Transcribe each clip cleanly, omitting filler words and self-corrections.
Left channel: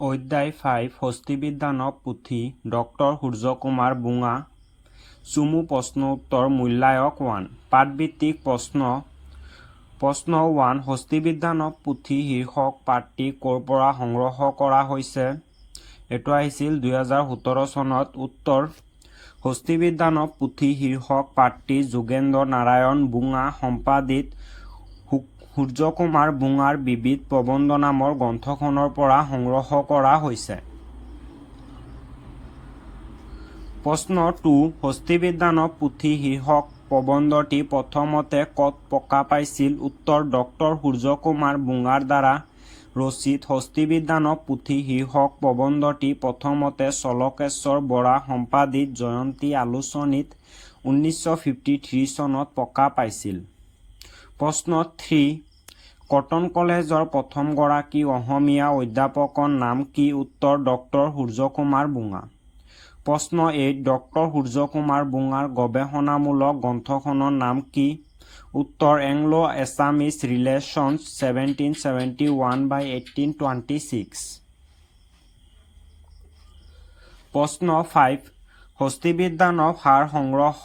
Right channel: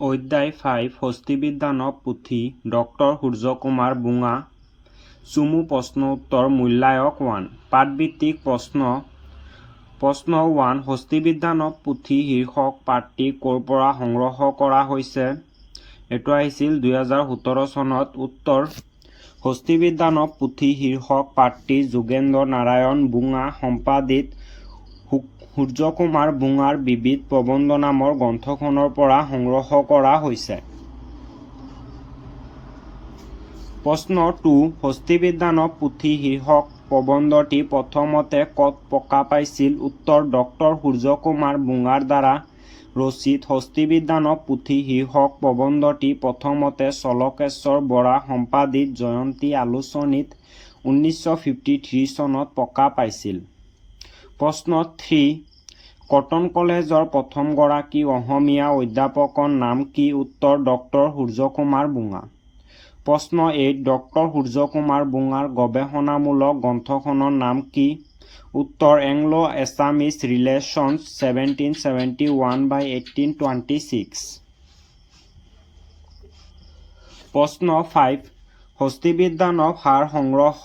অধ্যায় 5 হস্তিবিজ্ঞান পুথি ডক্টৰ সূৰ্যকুমাৰ বুঙা চুমু প্ৰশ্ন উত্তৰ মূল্যায়ক 1 পাঠভিত্তিক প্ৰশ্ন 1 হস্তিবিজ্ঞান পুথি শীৰ্ষক পাঠটি ক'ৰ পৰা সংগ্ৰহ কৰা হৈছে এইটো আহিছিল 2017 চনত উত্তৰ হস্তিবিজ্ঞান পুথি শীৰ্ষক পাঠটি যোগেন্দ্ৰ নাৰায়ণ বুঙা সম্পাদিত সূৰ্যকুমাৰ বুঙাৰ বিবিধ প্ৰবন্ধ নামৰ গ্ৰন্থখনৰ পৰা সংগ্ৰহ কৰা হৈছে। প্ৰশ্ন 2 হস্তিবিজ্ঞান পুথি শীৰ্ষক প্ৰবন্ধটি প্ৰথমতে ক'ত প্ৰকাশ পাইছিল উত্তৰ ডক্টৰ সূৰ্যকুমাৰ বুঙাৰ দ্বাৰা ৰচিত হস্তিবিজ্ঞান পুথি শীৰ্ষক প্ৰবন্ধটি প্ৰথমতে চলকেশ্বৰ বৰা সম্পাদিত জয়ন্তী আলোচনীত 1953 চনত প্ৰকাশ পাইছিল। প্ৰশ্ন 3 কটন কলেজৰ প্ৰথমগৰাকী অসমীয়া অধ্যাপকৰ নাম কি উত্তৰ ডক্টৰ সূৰ্যকুমাৰ বুঙা। প্ৰশ্ন 8 ডক্টৰ সূৰ্যকুমাৰ বুঙাৰ গৱেষণামূলক গ্ৰন্থখনৰ নাম কি উত্তৰ এংলো এছামিজ ৰিলেশ্যনছ 1771 by 1826। প্ৰশ্ন 5 হস্তিবিজ্ঞানৰ সাৰ সংগ্ৰহ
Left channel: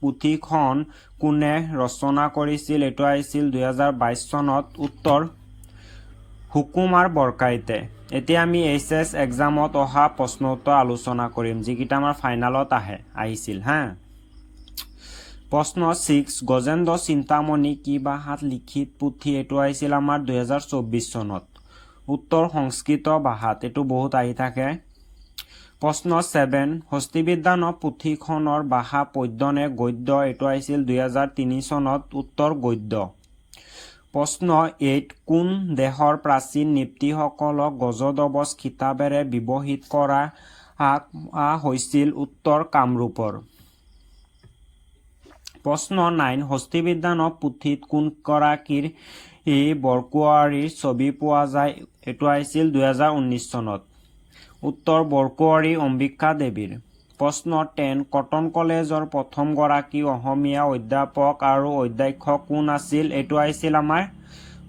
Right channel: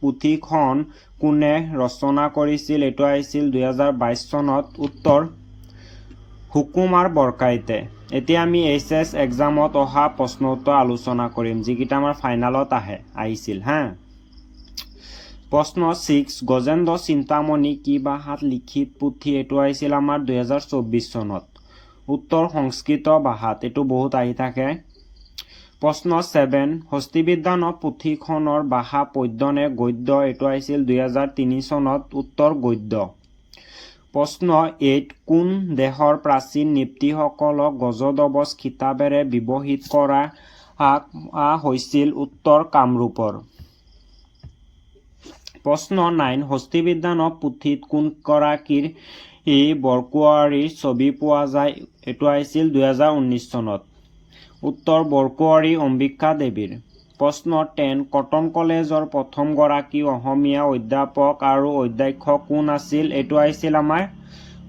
পুথিখন কোনে ৰচনা কৰিছিল এইটো আহিছিল 2022 চনত উত্তৰ সুকুমাৰ বৰকাইতে। এতিয়া আমি এইচএছ এক্সামত অহা প্ৰশ্ন উত্তৰ আলোচনা কৰিম যিকেইটা আমাৰ ফাইনেলত আহিছিল হা। প্ৰশ্ন 6 গজেন্দ্ৰ চিন্তামণি কি ভাষাত লিখিত পুথি এইটো আহিছিল আমাৰ 2024 চনত উত্তৰ সংস্কৃত ভাষাত এইটো বহুত আহি থাকে। প্ৰশ্ন 7 হস্তিবিজ্ঞান পুথিখনৰ ভাষা পদ্য নে গদ্য এইটো আহিছিল 2003 চনত উত্তৰ গদ্য। প্ৰশ্ন 8 কোন দেশৰ প্ৰাচীন নৃপতিসকলক গজদবজ খিতাপেৰে বিভূষিত কৰা হৈছিল উত্তৰ কামৰূপৰ। প্ৰশ্ন 9 হস্তিবিজ্ঞান পুথিত কোনগৰাকীৰ বৰকোৱাৰীৰ ছবি পোৱা যায় এইটো আহিছিল 2019 চনত উত্তৰ বৰকোৱাৰী অম্বিকা দেৱীৰ। প্ৰশ্ন 10 কটন কলেজৰ প্ৰথমগৰাকী অসমীয়া অধ্যাপক আৰু অধ্যক্ষ কোন আছিল এইটো আহিছিল আমাৰ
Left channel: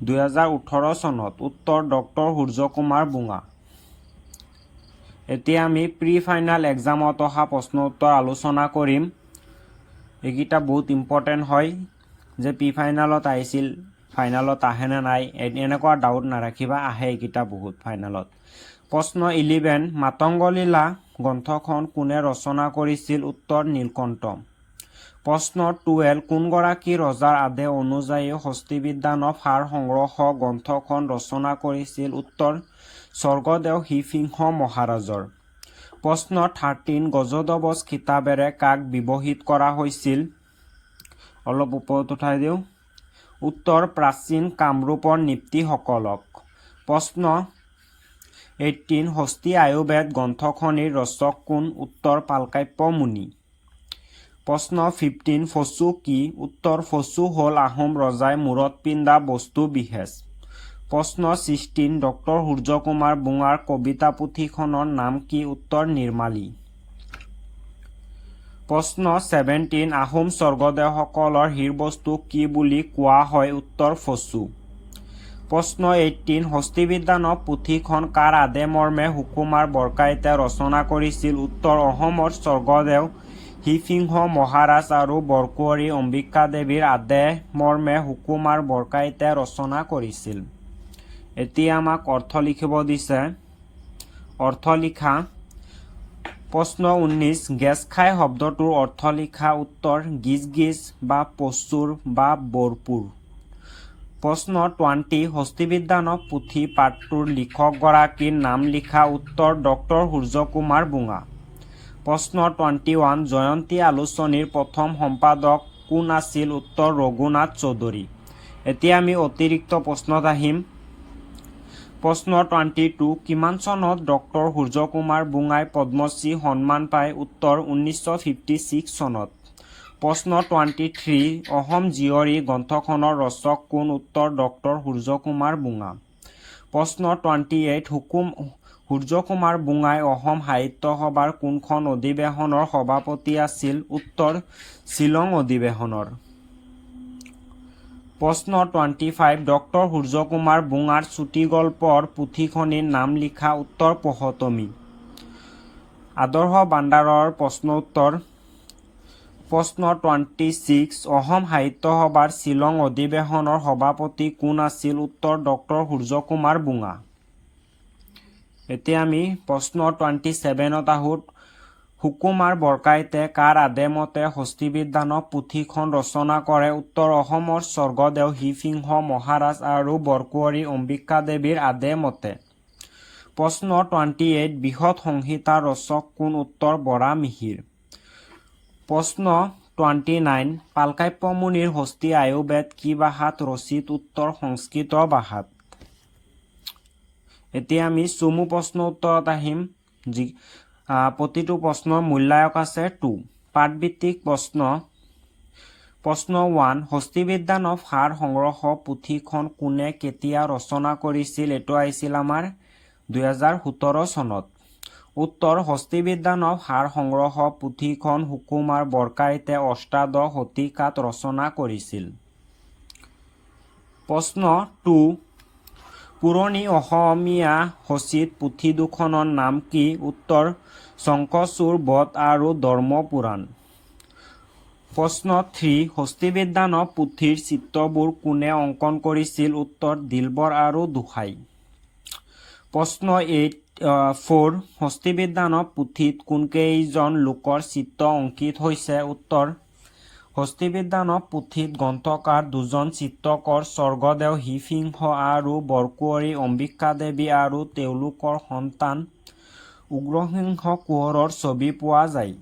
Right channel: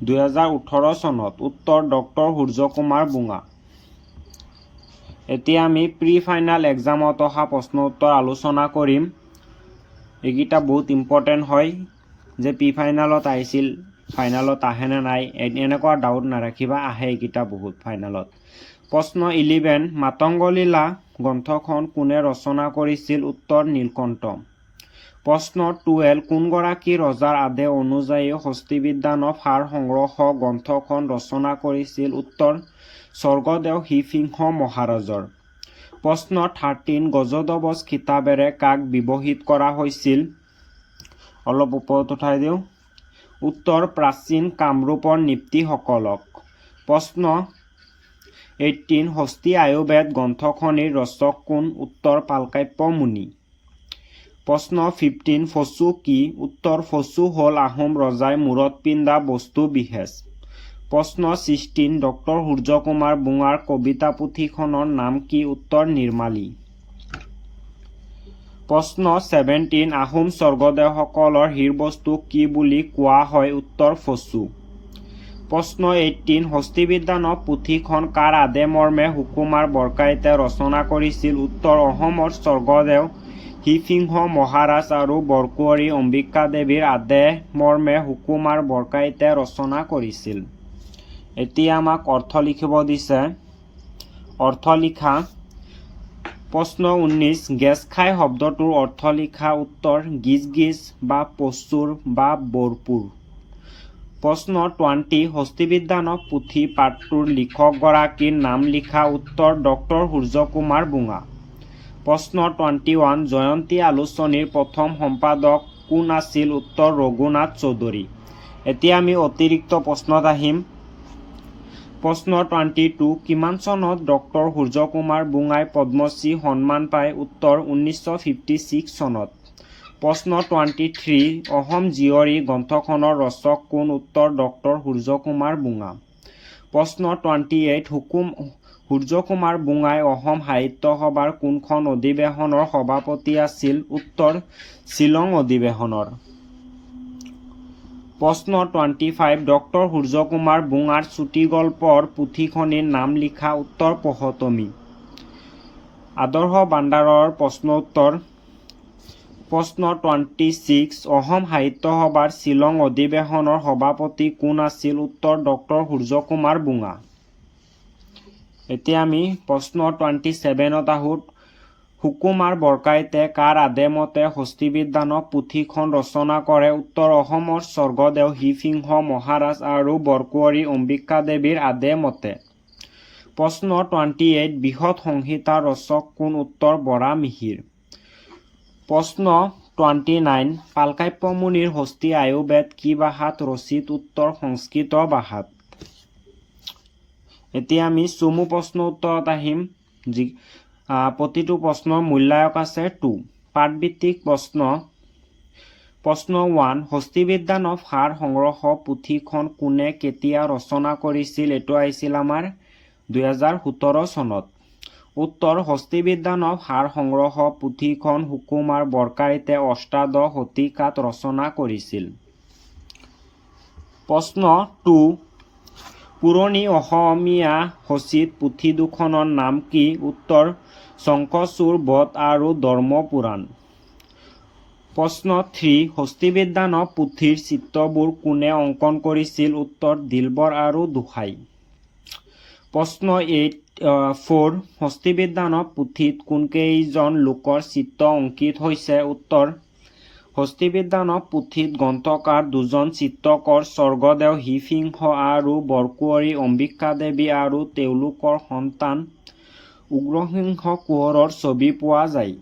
2018 চনত উত্তৰ ডক্টৰ সূৰ্যকুমাৰ বুঙা। এতিয়া আমি প্ৰি ফাইনেল এক্সামত অহা প্ৰশ্ন উত্তৰ আলোচনা কৰিম। এইকেইটা বহুত ইম্পৰ্টেণ্ট হয় যে প্ৰি ফাইনেলত আহিছিল ফাইনেলত আহে নে নাই এনেকুৱা ডাউট নাৰাখিবা আহে এইকেইটা বহুত ফাইনেলত। প্ৰশ্ন 11 মাতংগলীলা গ্ৰন্থখন কোনে ৰচনা কৰিছিল উত্তৰ নীলকণ্ঠ। প্ৰশ্ন 12 কোনগৰাকী ৰজাৰ আদেশ অনুযায়ী হস্তিবিজ্ঞানৰ সাৰ সংগ্ৰহ গ্ৰন্থখন ৰচনা কৰিছিল উত্তৰ স্বৰ্গদেউ শিৱসিংহ মহাৰাজৰ। প্ৰশ্ন 13 গজদবজ খিতাপেৰে কাক বিভূষিত কৰা হৈছিল অলপ ওপৰত উঠাই দিওঁ উত্তৰ প্ৰাচীন কামৰূপৰ নৃপতিসকলক। প্ৰশ্ন 18 হস্তি আয়ুৰ্বেদ গ্ৰন্থখনিৰ ৰচক কোন উত্তৰ পালকাপ্য মুনি। প্ৰশ্ন 15 ফচু কি উত্তৰ ফচু হ'ল আহোম ৰজাই মূৰত পিন্ধা বস্তু বিশেষ। প্ৰশ্ন 16 ডক্টৰ সূৰ্যকুমাৰ বুঙাৰ কবিতা পুথিখনৰ নাম কি উত্তৰ নিৰ্মালী। প্ৰশ্ন 17 আহোম স্বৰ্গদেউসকলৰ হীৰবস্তু কি বুলি কোৱা হয় উত্তৰ ফচু। প্ৰশ্ন 18 হস্তিবিজ্ঞান পুথিখন কাৰ আদেশ মৰ্মে সুকুমাৰ বৰকাইতে ৰচনা কৰিছিল উত্তৰ অসমৰ স্বৰ্গদেউ শিৱসিংহ মহাৰাজ আৰু বৰকোৱাৰী অম্বিকা দেৱীৰ আদেশ মৰ্মে সুকুমাৰ বৰকাইতে ৰচনা কৰিছিল। এতিয়া আমাক অৰ্থ লিখিব দিছে অৰ্থ লিখা। প্ৰশ্ন 19 গেছ খাই শব্দটোৰ অৰ্থ লিখা উত্তৰ গিজ গিজ বা প্ৰচুৰ বা ভৰপূৰ। প্ৰশ্ন 20 হস্তিবিজ্ঞান পুথি পাঠটোৰ লিখকগৰাকীৰ নাম লিখা উত্তৰ ডক্টৰ সূৰ্যকুমাৰ বুঙা। প্ৰশ্ন 21 জয়ন্তী আলোচনীৰ প্ৰথম সম্পাদক কোন আছিল উত্তৰ ৰঘুনাথ চৌধুৰী। এতিয়া আমি অতিৰিক্ত প্ৰশ্নত আহিম। প্ৰশ্ন 22 কিমান চনত ডক্টৰ সূৰ্যকুমাৰ বুঙাই পদ্মশ্ৰী সন্মান পায় উত্তৰ 1956 চনত। প্ৰশ্ন 23 অসম জীয়ৰী গ্ৰন্থখনৰ ৰচক কোন উত্তৰ ডক্টৰ সূৰ্যকুমাৰ বুঙা। প্ৰশ্ন 28 সূৰ্যকুমাৰ বুঙাই অসম সাহিত্য সভাৰ কোনখন অধিৱেশনৰ সভাপতি আছিল উত্তৰ শ্বিলং অধিৱেশনৰ। প্ৰশ্ন 25 ডক্টৰ সূৰ্যকুমাৰ বুঙাৰ চুটিগল্পৰ পুথিখনিৰ নাম লিখা উত্তৰ পহতমী আদৰ্শ বান্দাৰৰ প্ৰশ্ন উত্তৰ প্ৰশ্ন 26 অসম সাহিত্য সভাৰ শ্বিলং অধিৱেশনৰ সভাপতি কোন আছিল উত্তৰ ডক্টৰ সূৰ্যকুমাৰ বুঙা এতিয়া আমি প্ৰশ্ন 27ত আহোঁ সুকুমাৰ বৰকাইতে কাৰ আদেমতে হস্তিবিজ্ঞানক পুথিখন ৰচনা কৰে উত্তৰ অসমৰ স্বৰ্গদেউ শিৱসিংহ মহাৰাজ আৰু বৰকুঁৱৰী অম্বিকা দেৱীৰ আদেমতে প্ৰশ্ন 28 বৃহৎ সংহিতা ৰচক কোন উত্তৰ বৰা মিহিৰ প্ৰশ্ন 29 পালকাব্য মুনিৰ হস্তি আয়ুৰ্বেদ কি ভাষাত ৰচিত উত্তৰ সংস্কৃত ভাষাত এতিয়া আমি চমু প্ৰশ্ন উত্তৰত আহিম প্ৰতিটো প্ৰশ্নৰ মূল্যায়ক আছে 2 পাঠভিত্তিক প্ৰশ্ন 1 হস্তিবিজ্ঞানৰ সাৰ সংগ্ৰহ পুথিখন কোনে কেতিয়া ৰচনা কৰিছিল এইটো আহিছিল আমাৰ 2017 চনত উত্তৰ হস্তিবিজ্ঞানৰ সাৰ সংগ্ৰহ পুথিখন সুকুমাৰ বৰকাইতে অষ্টাদশ শতিকাত ৰচনা কৰিছিল প্ৰশ্ন 2 পুৰণি অসমীয়া সচিত পুথি দুখনৰ নাম কি উত্তৰ শংখচূড় বধ আৰু ধৰ্মপুৰাণ প্ৰশ্ন 3 হস্তিবিজ্ঞানৰ পুথিৰ চিত্ৰবোৰ কোনে অংকন কৰিছিল উত্তৰ দিলবৰ আৰু দুসাই প্ৰশ্ন 4 হস্তিবিজ্ঞানৰ পুথিত কোনকেইজন লোকৰ চিত্ৰ অংকিত হৈছে উত্তৰ হস্তিবিজ্ঞানৰ পুথিত গ্ৰন্থকাৰ দুজন চিত্ৰকৰ স্বৰ্গদেউ শিৱসিংহ আৰু বৰকুঁৱৰী অম্বিকা দেৱী আৰু তেওঁলোকৰ সন্তান উগ্ৰসিংহ কোঁৱৰৰ ছবি পোৱা যায়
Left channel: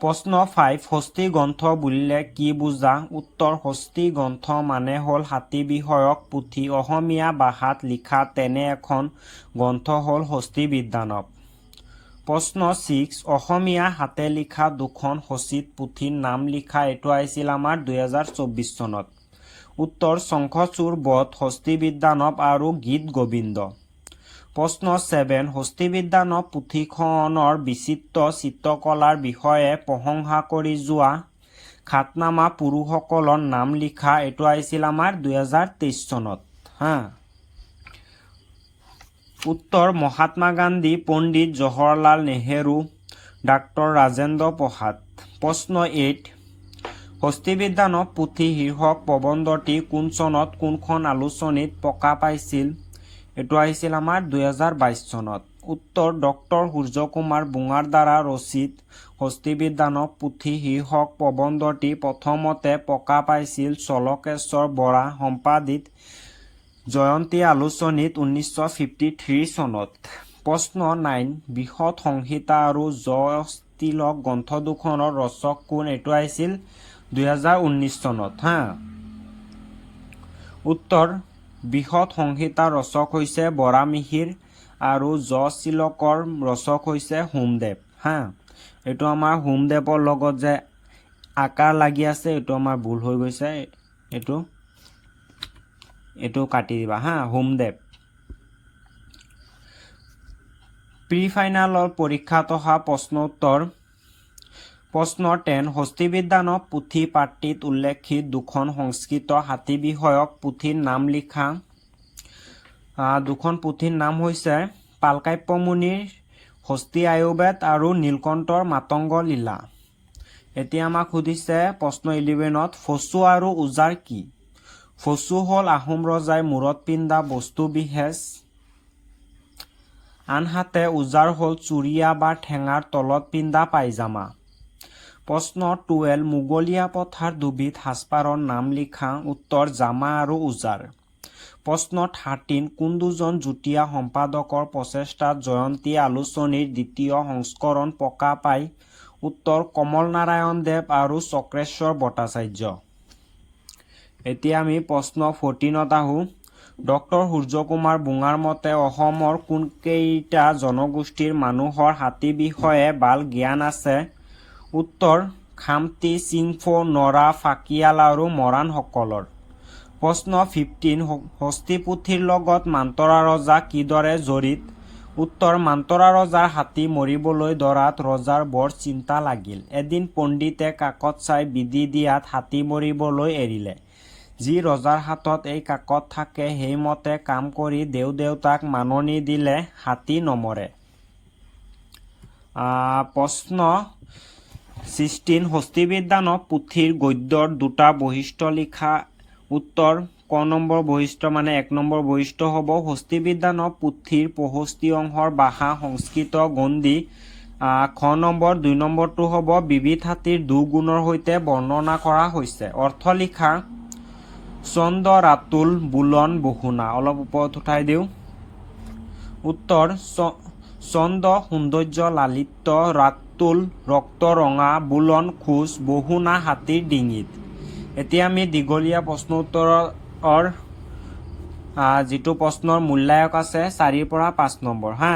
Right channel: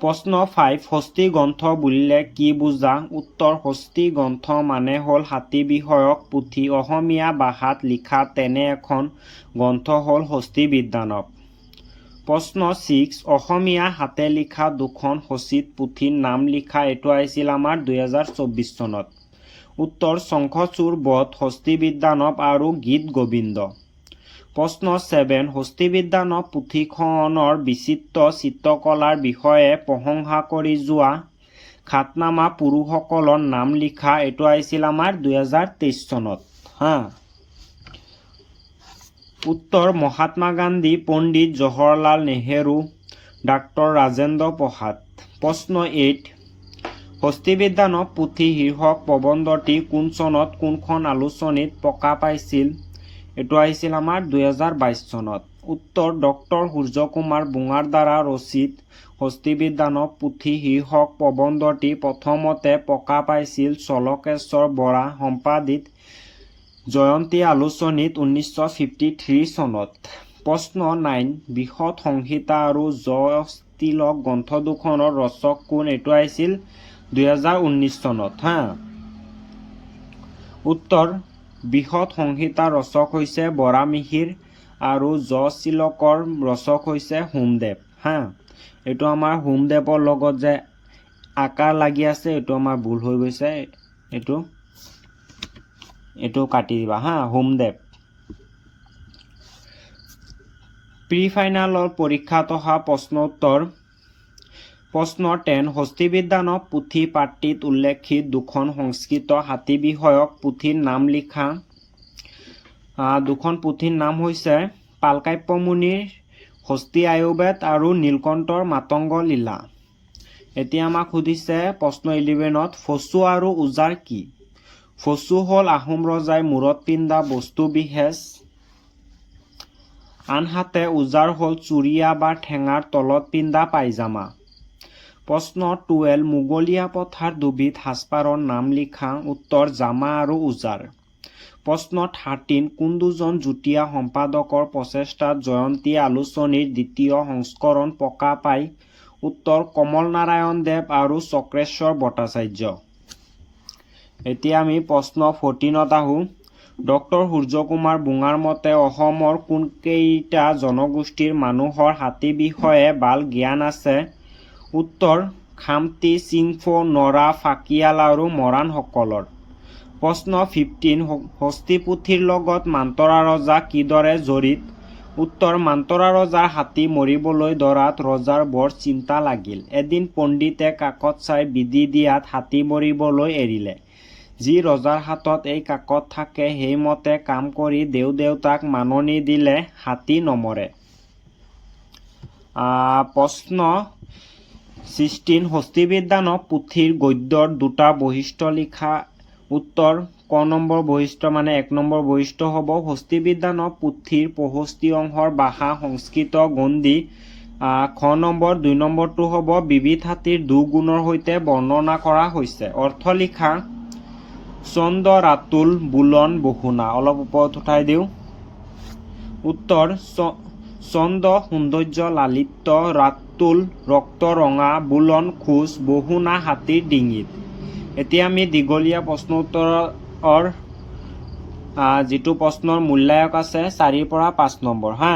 প্ৰশ্ন 5 হস্তি গ্ৰন্থ বুলিলে কি বুজা উত্তৰ হস্তি গ্ৰন্থ মানে হ'ল হাতী বিষয়ক পুথি অসমীয়া ভাষাত লিখা তেনে এখন গ্ৰন্থ হ'ল হস্তিবিজ্ঞানক প্ৰশ্ন 6 অসমীয়া হাতে লিখা দুখন সচিত পুথিৰ নাম লিখা এইটো আহিছিল আমাৰ 2024 চনত উত্তৰ শংখচূড় বধ হস্তিবিজ্ঞানক আৰু গীত গোবিন্দ প্ৰশ্ন 7 হস্তিবিজ্ঞানৰ পুথিখনৰ বিচিত্ৰ চিত্ৰকলাৰ বিষয়ে প্ৰশংসা কৰি যোৱা খ্যাতনামা পুৰুষসকলৰ নাম লিখা এইটো আহিছিল আমাৰ 2023 চনত উত্তৰ মহাত্মা গান্ধী পণ্ডিত জৱাহৰলাল নেহেৰু ডাক্তৰ ৰাজেন্দ্ৰ প্ৰসাদ প্ৰশ্ন 8 হস্তিবিজ্ঞানৰ পুথি শীৰ্ষক প্ৰবন্ধটি কোন চনত কোনখন আলোচনীত প্ৰকাশ পাইছিল এইটো আহিছিল আমাৰ 2022 চনত উত্তৰ ডক্টৰ সূৰ্যকুমাৰ বুঙাৰ দ্বাৰা ৰচিত হস্তিবিজ্ঞানৰ পুথি শীৰ্ষক প্ৰবন্ধটি প্ৰথমতে প্ৰকাশ পাইছিল চলকেশ্বৰ বৰা সম্পাদিত জয়ন্তী আলোচনীত 1953 চনত প্ৰশ্ন 9 বৃহৎ সংহিতা আৰু জয়স্তিলক গ্ৰন্থ দুখনৰ ৰচক কোন এইটো আহিছিল 2019 চনত উত্তৰ বৃহৎ সংহিতাৰ ৰচক হৈছে বৰা মিহিৰ আৰু জয়শ্তিলকৰ ৰচক হৈছে হোমদেৱ এইটো আমাৰ হোমদেৱৰ লগত যে আকাৰ লাগি আছে এইটো আমাৰ ভুল হৈ গৈছে এইটো কাটি দিবা হোমদেৱ প্ৰি ফাইনেলৰ পৰীক্ষাত অহা প্ৰশ্ন উত্তৰ প্ৰশ্ন 10 হস্তিবিজ্ঞানৰ পুথি পাঠ্যত উল্লেখিত দুখন সংস্কৃত হাতী বিষয়ক পুথিৰ নাম লিখা দুখন পুথিৰ নাম হৈছে পালকাব্য মুনিৰ হস্তি আয়ুৰ্বেদ আৰু নীলকণ্ঠৰ মাতংগ লীলা এতিয়া আমাক সুধিছে প্ৰশ্ন 11ত ফচু আৰু উজাৰ কি ফচু হ'ল আহোম ৰজাই মূৰত পিন্ধা বস্তু বিশেষ আনহাতে উজাৰ হ'ল চুৰিয়া বা ঠেঙাৰ তলত পিন্ধা পায়জামা প্ৰশ্ন 12 মোগলীয়া প্ৰথাৰ দুবিধ সাজপাৰৰ নাম লিখা উত্তৰ জামা আৰু উজাৰ প্ৰশ্ন 13 কোন দুজন যুটীয়া সম্পাদকৰ প্ৰচেষ্টাত জয়ন্তী আলোচনীৰ দ্বিতীয় সংস্কৰণ প্ৰকাশ পায় উত্তৰ কমল নাৰায়ণ দেৱ আৰু চক্ৰেশ্বৰ ভট্টাচাৰ্য এতিয়া আমি প্ৰশ্ন 14ত আহোঁ ডক্টৰ সূৰ্যকুমাৰ বুঙাৰ মতে অসমৰ কোনকেইটা জনগোষ্ঠীৰ মানুহৰ হাতী বিষয়ে ভাল জ্ঞান আছে উত্তৰ খামতি চিংফৌ নৰা ফাকিয়াল আৰু মৰাণসকলৰ প্ৰশ্ন 15 হস্তি পুথিৰ লগত মান্তৰা ৰজা কিদৰে জড়িত উত্তৰ মান্তৰা ৰজাৰ হাতী মৰিবলৈ ধৰাত ৰজাৰ বৰ চিন্তা লাগিল। এদিন পণ্ডিতে কাকত চাই বিধি দিয়াত হাতী মৰিবলৈ এৰিলে। যি ৰজাৰ হাতত এই কাকত থাকে সেইমতে কাম কৰি দেউতাক মাননি দিলে হাতী নমৰে। প্ৰশ্ন 16 হস্তিবিজ্ঞান পুথিৰ গদ্যৰ দুটা বৈশিষ্ট্য লিখা। উত্তৰ ক নম্বৰ বৈশিষ্ট্য মানে 1 নম্বৰ বৈশিষ্ট্য হ'ব হস্তিবিজ্ঞান পুথিৰ 65 অংশৰ ভাষা সংস্কৃত গণ্ডী। খ নম্বৰ 2 নম্বৰটো হ'ব বিবিধ হাতীৰ দুগুণৰ সৈতে বৰ্ণনা কৰা হৈছে। অৰ্থ লিখা ছন্দ ৰাতুল বুলন বহুনা। অলপ ওপৰত উঠাই দিওঁ। উত্তৰ ছন্দ সৌন্দৰ্য লালিত্য, ৰাতুল ৰক্ত ৰঙা, বুলন খোজ, বহুনা হাতীৰ ডিঙিত। এতিয়া আমি দীঘলীয়া প্ৰশ্ন উত্তৰৰ যিটো প্ৰশ্নৰ মূল্যায়ক আছে 4ৰ পৰা 5 নম্বৰ হা।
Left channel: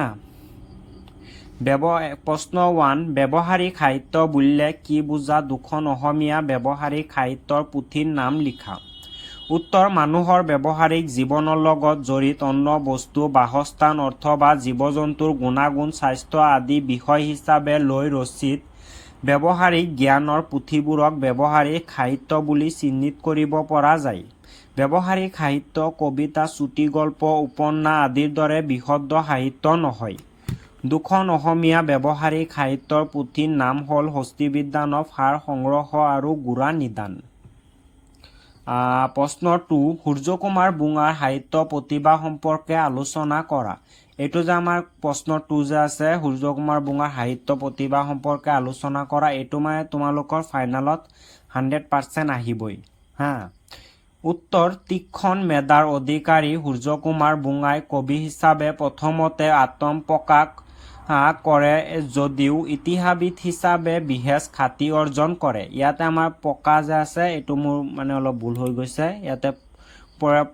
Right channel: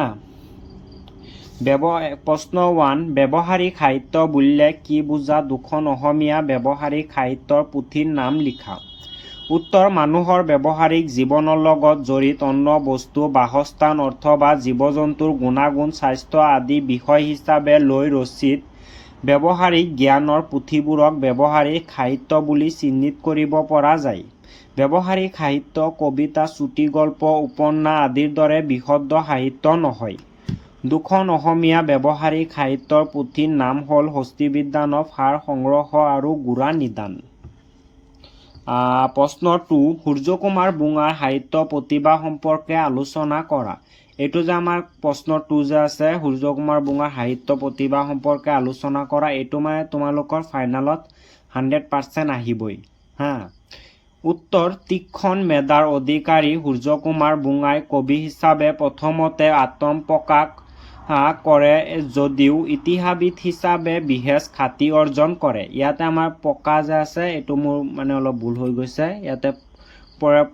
প্ৰশ্ন 1 ব্যৱহাৰিক সাহিত্য বুলিলে কি বুজা? দুখন অসমীয়া ব্যৱহাৰিক সাহিত্যৰ পুথিৰ নাম লিখা। উত্তৰ মানুহৰ ব্যৱহাৰিক জীৱনৰ লগত জড়িত অন্য বস্তু, বাসস্থান অথবা জীৱ-জন্তুৰ গুণাগুণ, স্বাস্থ্য আদি বিষয় হিচাপে লৈ ৰচিত ব্যৱহাৰিক জ্ঞানৰ পুথিবোৰক ব্যৱহাৰিক সাহিত্য বুলি চিহ্নিত কৰিব পৰা যায়। ব্যৱহাৰিক সাহিত্য কবিতা, চুটিগল্প, উপন্যাস আদিৰ দৰে বিশুদ্ধ সাহিত্য নহয়। দুখন অসমীয়া ব্যৱহাৰিক সাহিত্যৰ পুথিৰ নাম হ'ল হস্তিবিজ্ঞান, সাৰ সংগ্ৰহ আৰু গোড়া নিদান। প্ৰশ্ন 2 সূৰ্যকুমাৰ বুঙাৰ সাহিত্য প্ৰতিভা সম্পৰ্কে আলোচনা কৰা। এইটো যে আমাৰ প্ৰশ্ন 2 যে আছে সূৰ্যকুমাৰ বুঙাৰ সাহিত্য প্ৰতিভা সম্পৰ্কে আলোচনা কৰা, এইটো মানে তোমালোকৰ ফাইনেলত 100% আহিবই হা। উত্তৰ তীক্ষ্ণ মেধাৰ অধিকাৰী সূৰ্যকুমাৰ বুঙাই কবি হিচাপে প্ৰথমতে আত্মপ্ৰকাশ কৰে যদিও ইতিহাসবিদ হিচাপে বিশেষ খ্যাতি অৰ্জন কৰে। ইয়াতে আমাৰ পকা যে আছে এইটো মোৰ মানে অলপ ভুল হৈ গৈছে, ইয়াতে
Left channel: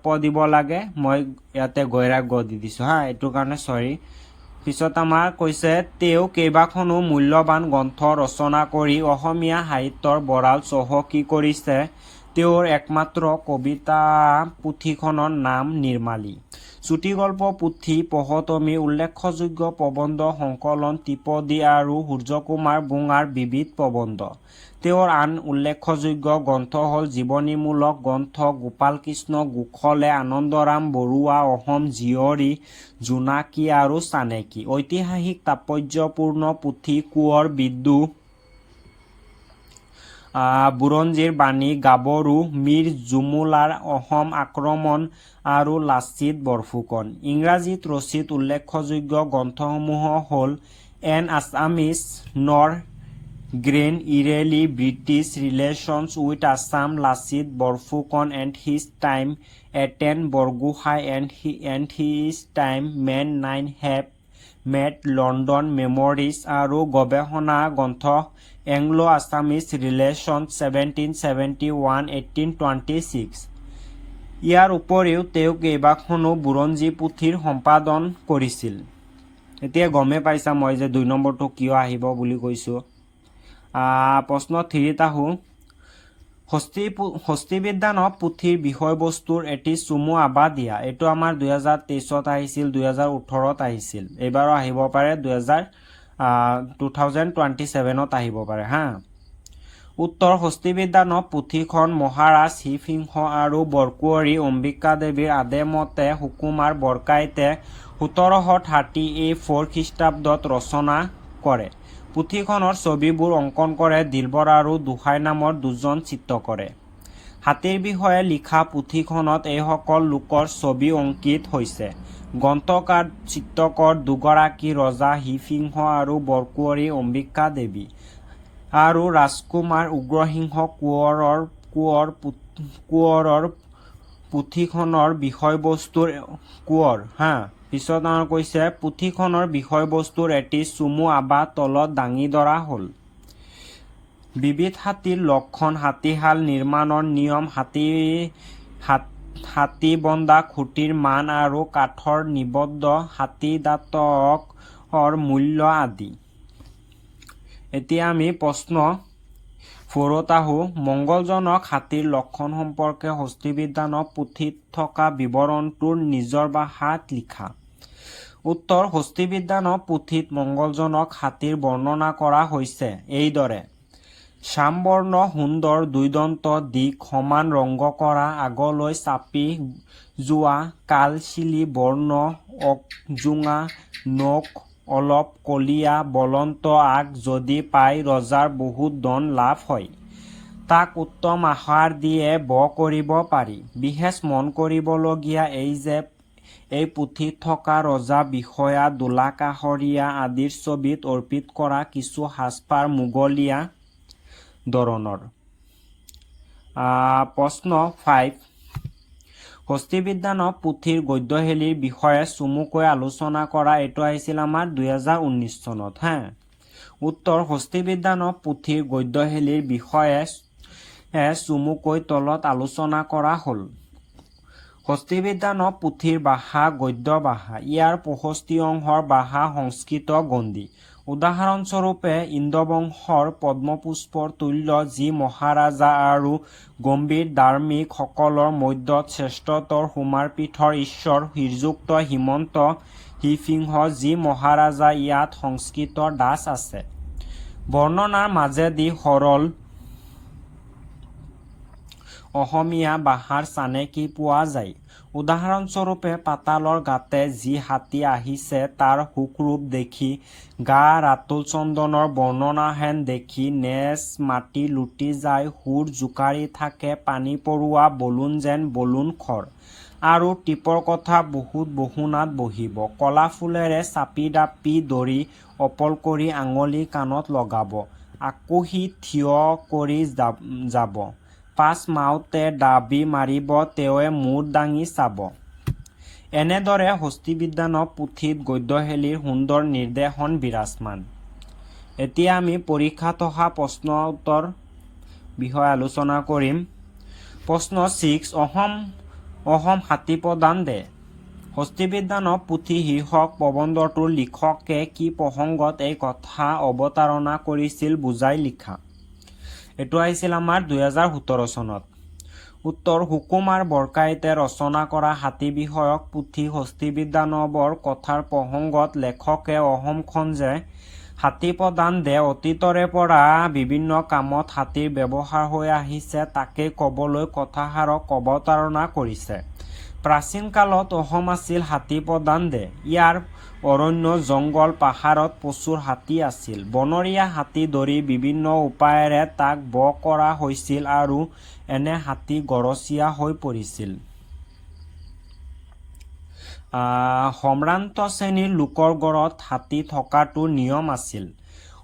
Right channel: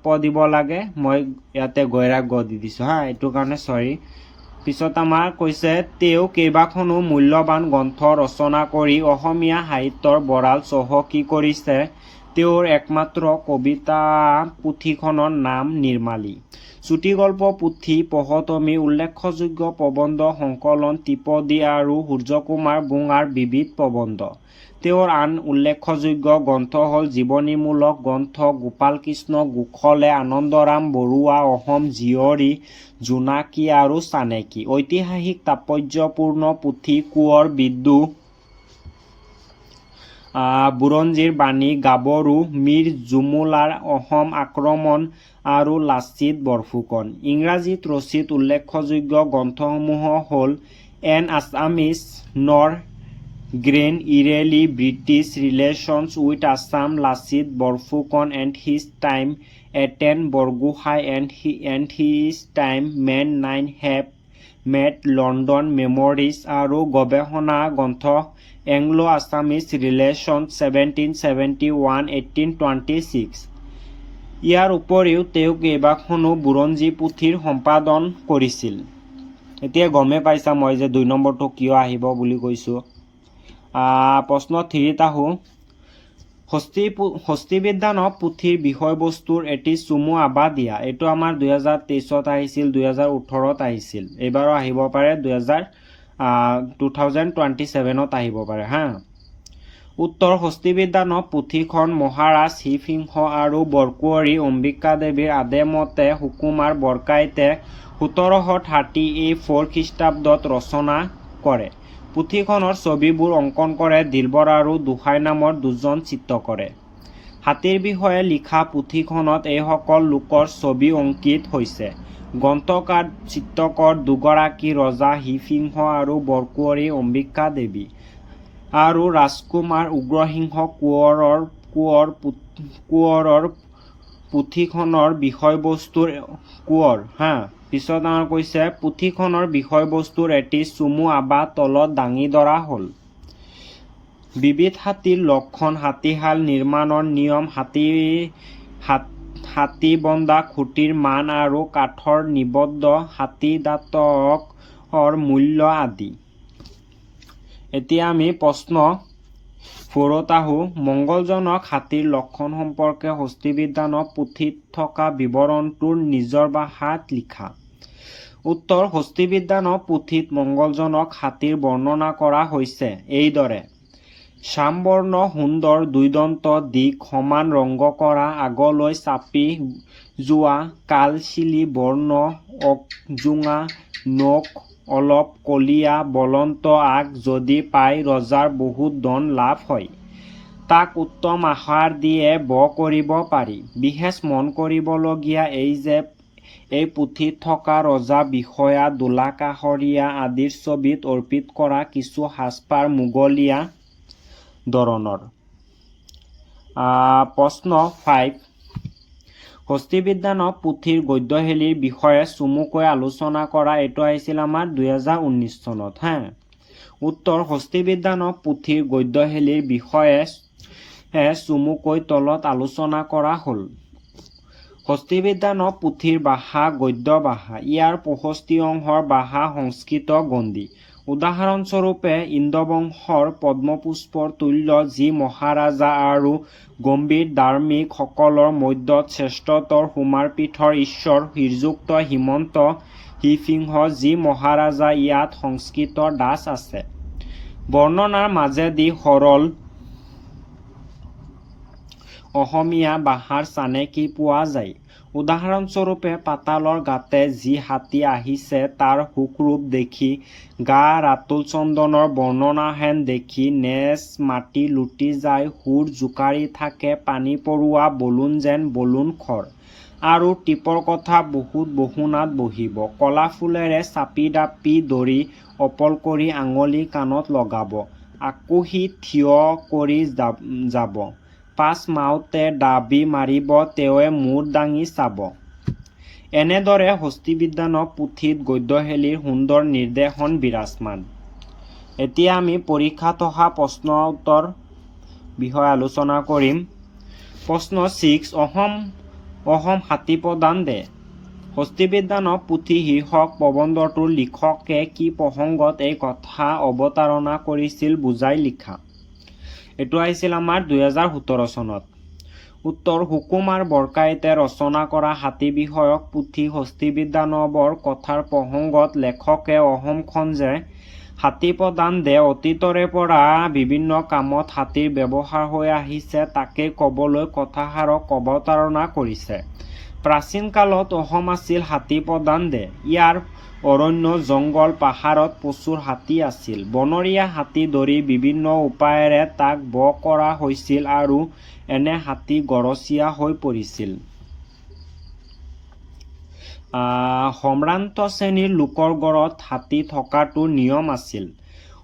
প দিব লাগে, মই ইয়াতে গৈৰাগ গ দি দিছোঁ হা, এইটো কাৰণে চৰি। পিছত আমাৰ কৈছে তেওঁ কেইবাখনো মূল্যৱান গ্ৰন্থ ৰচনা কৰি অসমীয়া সাহিত্যৰ ভঁৰাল চহকী কৰিছে। তেওঁৰ একমাত্ৰ কবিতা পুথিখনৰ নাম নিৰ্মালী। চুটিগল্প পুথি পঢ়তমি, উল্লেখযোগ্য প্ৰবন্ধ সংকলন ত্ৰিপদী আৰু সূৰ্যকুমাৰ বুঙাৰ বিবিধ প্ৰবন্ধ। তেওঁৰ আন উল্লেখযোগ্য গ্ৰন্থ হ'ল জীৱনীমূলক গ্ৰন্থ গোপালকৃষ্ণ গোখলে, আনন্দৰাম বৰুৱা, অসম জীয়ৰী, জোনাকী আৰু চানেকী। ঐতিহাসিক তাৎপৰ্যপূৰ্ণ পুথি কোঁৱৰ বিদ্ৰোহ, বুৰঞ্জীৰ বাণী, গাভৰু, মীৰ জুমুলাৰ অসম আক্ৰমণ আৰু লাচিত বৰফুকন। ইংৰাজীত ৰচিত উল্লেখযোগ্য গ্ৰন্থসমূহ হ'ল এন আছামিজ নৰ গ্ৰেইন early, British relations with Assam, Lachit Barphukan and his time, Atan Buragohain and his time, men 9 have met, London memories আৰু গৱেষণা গ্ৰন্থ এংলো আছামিজ ৰিলেশ্যনছ 1771-1826। ইয়াৰ উপৰিও তেওঁ কেইবাখনো বুৰঞ্জী পুথিৰ সম্পাদন কৰিছিল। এতিয়া গমেই পাইছা মই যে 2 নম্বৰটো কিয় আহিব বুলি কৈছোঁ। প্ৰশ্ন 3ত আহোঁ। হস্তিবিজ্ঞান পুথিৰ বিষয়বস্তুৰ এটি চমু আভাস দিয়া। এইটো আমাৰ 2023ত আহিছিল, 2018ত আহিছিল, এইবাৰো আহিব পাৰে, 2027ত আহিব পাৰে হা। উত্তৰ হস্তিবিজ্ঞান পুথিখন মহাৰাজ শিৱসিংহ আৰু বৰকুঁৱৰী অম্বিকাদেৱীৰ আদেমতে সুকুমাৰ বৰকাইতে 1734 খ্ৰীষ্টাব্দত ৰচনা কৰে। পুথিখনৰ ছবিবোৰ অংকন কৰে দিলবৰ আৰু দুসাই নামৰ দুজন চিত্ৰকৰে। হাতীৰ বিষয়ে লিখা পুথিখনত এইসকল লোকৰ ছবি অংকিত হৈছে। গ্ৰন্থকাৰ চিত্ৰকৰ দুগৰাকী ৰজা শিৱসিংহ আৰু বৰকুঁৱৰী অম্বিকা দেৱী আৰু ৰাজকুমাৰ উগ্ৰসিংহ কোঁৱৰৰ পুথিখনৰ বিষয়বস্তুৰ কোঁৱৰ হা। পিছত আমাৰ কৈছে পুথিখনৰ বিষয়বস্তুৰ এটি চমু আভাস তলত দাঙি ধৰা হ'ল। বিবিধ হাতীৰ লক্ষণ, হাতীশাল নিৰ্মাণৰ নিয়ম, হাতী বন্ধা খুঁটিৰ মান আৰু কাঠৰ নিবদ্ধ হাতীদাঁতৰ মূল্য আদি। এতিয়া আমি প্ৰশ্ন 4ত আহোঁ। মংগলজনক হাতীৰ লক্ষণ সম্পৰ্কে হস্তিবিজ্ঞান পুথিত থকা বিৱৰণটোৰ নিজৰ ভাষাত লিখা। উত্তৰ হস্তিবিজ্ঞান পুথিত মংগলজনক হাতীৰ বৰ্ণনা কৰা হৈছে এইদৰে: শ্যামবৰ্ণ সুন্দৰ দুইদন্ত দিশ সমান ৰংগ কৰা আগলৈ চাপি যোৱা কালচিলি বৰ্ণ অকজোঙা নখ অলপ কলীয়া বলন্ত আগ যদি পাই ৰজাৰ বহুত ধন লাভ হয়। তাক উত্তম আহাৰ দিয়ে ব কৰিব পাৰি। বিশেষ মন কৰিবলগীয়া এই যে এই পুথিত থকা ৰজা বিষয়া দোলা কাষৰীয়া আদিৰ ছবিত অৰ্পিত কৰা কিছু সাজপাৰ মোগলীয়া ধৰণৰ। প্ৰশ্ন 5 হস্তিবিজ্ঞান পুথিৰ গদ্যশৈলীৰ বিষয়ে চমুকৈ আলোচনা কৰা। এইটো আহিছিল আমাৰ 2019 চনত। উত্তৰ হস্তিবিজ্ঞান পুথিৰ গদ্যশৈলীৰ বিষয়ে চমুকৈ তলত আলোচনা কৰা হ'ল। হস্তিবিজ্ঞান পুথিৰ ভাষা গদ্য ভাষা। ইয়াৰ 65 অংশৰ ভাষা সংস্কৃত গণ্ডী। উদাহৰণস্বৰূপে ইন্দ্ৰবংশৰ পদ্মপুষ্পৰ তুল্য যি মহাৰাজা আৰু গম্ভীৰ ধাৰ্মিক সকলৰ মধ্যত শ্ৰেষ্ঠতৰ সুমাৰপীঠৰ ঈশ্বৰ শ্ৰীযুক্ত হিমন্ত শিৱসিংহ যি মহাৰাজা ইয়াত সংস্কৃতৰ দাস আছে। বৰ্ণনাৰ মাজেদি সৰল অসমীয়া ভাষাৰ চানেকি পোৱা যায়। উদাহৰণস্বৰূপে পাতালৰ গাতে যি হাতী আহিছে তাৰ সুখৰূপ দেখি গা ৰাতুল চন্দনৰ বৰ্ণনাহেন দেখি নেজ মাটি লুটি যায় সুৰ জোকাৰি থাকে পানী পৰোৱা বলুন যেন বলুন খৰ। আৰু টিপৰ কথা বহুত বহুনাত বহিব কলা ফুলেৰে চাপি দাপি ধৰি অপল কৰি আঙুলি কাণত লগাব আকুহি থিয় কৰি যাব পাছ মাউতে দাবি মাৰিব তেৱে মূৰ দাঙি চাব। এনেদৰে হস্তিবিজ্ঞান পুথিত গদ্যশৈলীৰ সুন্দৰ নিৰ্দেশন বিৰাজমান। এতিয়া আমি পৰীক্ষাত অহা প্ৰশ্ন উত্তৰ বিষয়ে আলোচনা কৰিম। প্ৰশ্ন 6 অহম হাতী প্ৰদান দে। হস্তিবিজ্ঞান পুথি শীৰ্ষক প্ৰবন্ধটোৰ লিখকে কি প্ৰসংগত এই কথা অৱতাৰণা কৰিছিল বুজাই লিখা। এইটো আহিছিল আমাৰ 2017 চনত। উত্তৰ সুকুমাৰ বৰকাইতে ৰচনা কৰা হাতী বিষয়ক পুথি হস্তিবিজ্ঞানবৰ কথাৰ প্ৰসংগত লেখকে অসমখন যে হাতী প্ৰদান দে অতীতৰে পৰা বিভিন্ন কামত হাতীৰ ব্যৱহাৰ হৈ আহিছে তাকে কবলৈ কথাষাৰক অৱতাৰণা কৰিছে। প্ৰাচীন কালত অসম আছিল হাতী প্ৰদান দে। ইয়াৰ অৰণ্য জংগল পাহাৰত প্ৰচুৰ হাতী আছিল। বনৰীয়া হাতী ধৰি বিভিন্ন উপায়েৰে তাক বশ কৰা হৈছিল আৰু এনে হাতী গৰচীয়া হৈ পৰিছিল। সম্ভ্ৰান্ত শ্ৰেণীৰ লোকৰ ঘৰত হাতী থকাটো নিয়ম আছিল।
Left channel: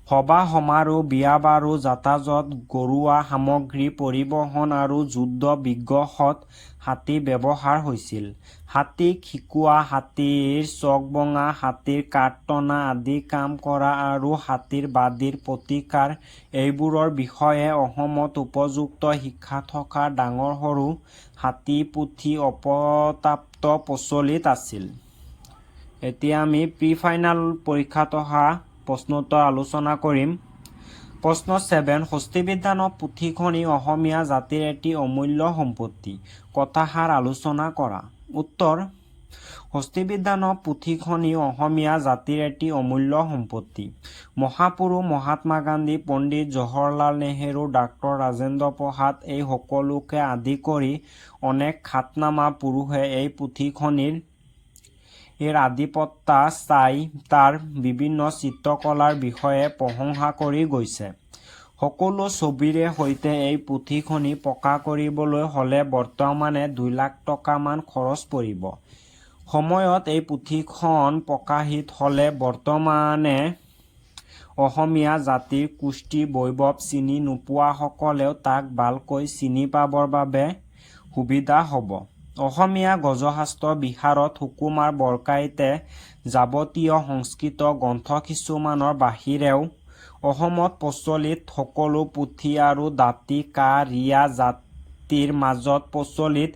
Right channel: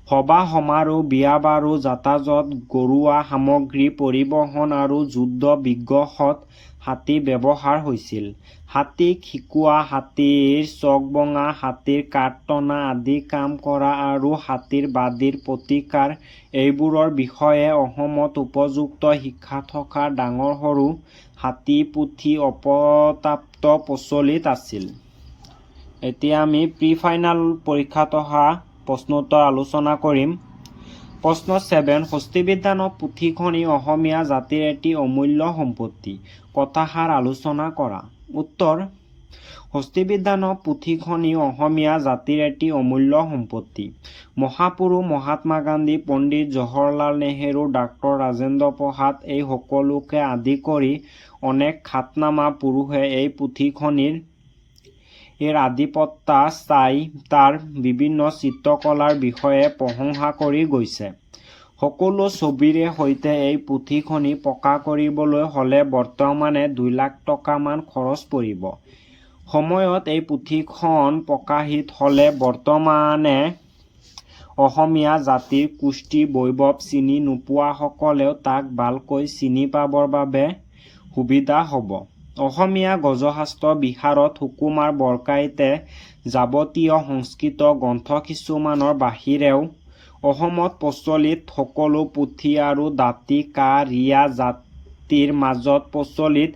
সভা সমাৰোহ বিয়া বাৰু যাতায়াত ঘৰুৱা সামগ্ৰী পৰিবহণ আৰু যুদ্ধ বিগ্ৰহত হাতী ব্যৱহাৰ হৈছিল। হাতীক শিকোৱা হাতীৰ চক ভঙা হাতীৰ কাঠ টনা আদি কাম কৰা আৰু হাতীৰ বাদীৰ প্ৰতিকাৰ এইবোৰৰ বিষয়ে অসমত উপযুক্ত শিক্ষা থকা ডাঙৰ সৰু হাতী পুথি অপৰ্যাপ্ত প্ৰচলিত আছিল। এতিয়া আমি প্ৰি ফাইনেল পৰীক্ষাত অহা প্ৰশ্নোত্তৰ আলোচনা কৰিম। প্ৰশ্ন 7 হস্তিবিজ্ঞান পুথিখনি অসমীয়া জাতিৰ এটি অমূল্য সম্পত্তি। কথাষাৰ আলোচনা কৰা। উত্তৰ হস্তিবিজ্ঞান পুথিখনি অসমীয়া জাতিৰ এটি অমূল্য সম্পত্তি। মহাপুৰুষ মহাত্মা গান্ধী পণ্ডিত জৱাহৰলাল নেহৰু ডাক্তৰ ৰাজেন্দ্ৰ প্ৰসাদ এই সকলোকে আদি কৰি অনেক খ্যাতনামা পুৰুষে এই পুথিখনিৰ আধিপত্য চাই তাৰ বিভিন্ন চিত্ৰকলাৰ বিষয়ে প্ৰশংসা কৰি গৈছে। সকলো ছবিৰে সৈতে এই পুথিখনি প্ৰকাশ কৰিবলৈ হলে বৰ্তমানে 2 লাখ টকা মান খৰচ পৰিব। সময়ত এই পুথিখন প্ৰকাশিত হলে বৰ্তমানে অসমীয়া জাতিৰ কৃষ্টি বৈভৱ চিনি নোপোৱাসকলেও তাক ভালকৈ চিনি পাবৰ বাবে সুবিধা হ'ব। অসমীয়া গজশাস্ত্ৰ বিশাৰদ সুকুমাৰ বৰকাইতে যাৱতীয় সংস্কৃত গ্ৰন্থ কিছুমানৰ বাহিৰেও অসমত প্ৰচলিত সকলো পুথি আৰু দাঁতি কা ৰিয়া জাতিৰ মাজত প্ৰচলিত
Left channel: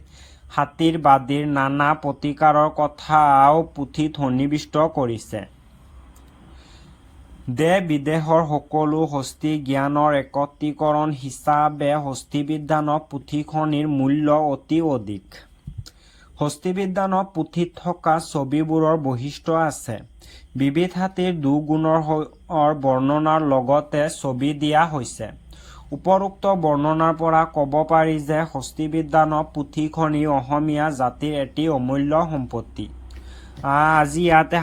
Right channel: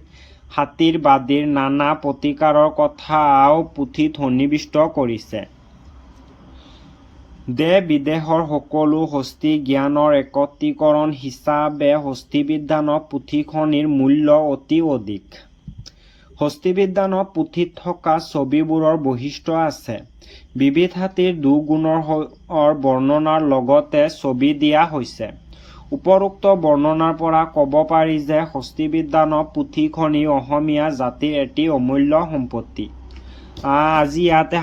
হাতীৰ বাদীৰ নানা প্ৰতিকাৰৰ কথাও পুথিত সন্নিৱিষ্ট কৰিছে। দেশ বিদেশৰ সকলো হস্তি জ্ঞানৰ একত্ৰীকৰণ হিচাপে হস্তিবিজ্ঞান পুথিখনিৰ মূল্য অতি অধিক। হস্তিবিজ্ঞানৰ পুথিত থকা ছবিবোৰৰ বৈশিষ্ট্য আছে। বিবিধ হাতীৰ দুগুণৰ বৰ্ণনাৰ লগতে ছবি দিয়া হৈছে। উপৰোক্ত বৰ্ণনাৰ পৰা ক'ব পাৰি যে হস্তিবিজ্ঞানৰ পুথিখনি অসমীয়া জাতিৰ এটি অমূল্য সম্পত্তি। আজি ইয়াতে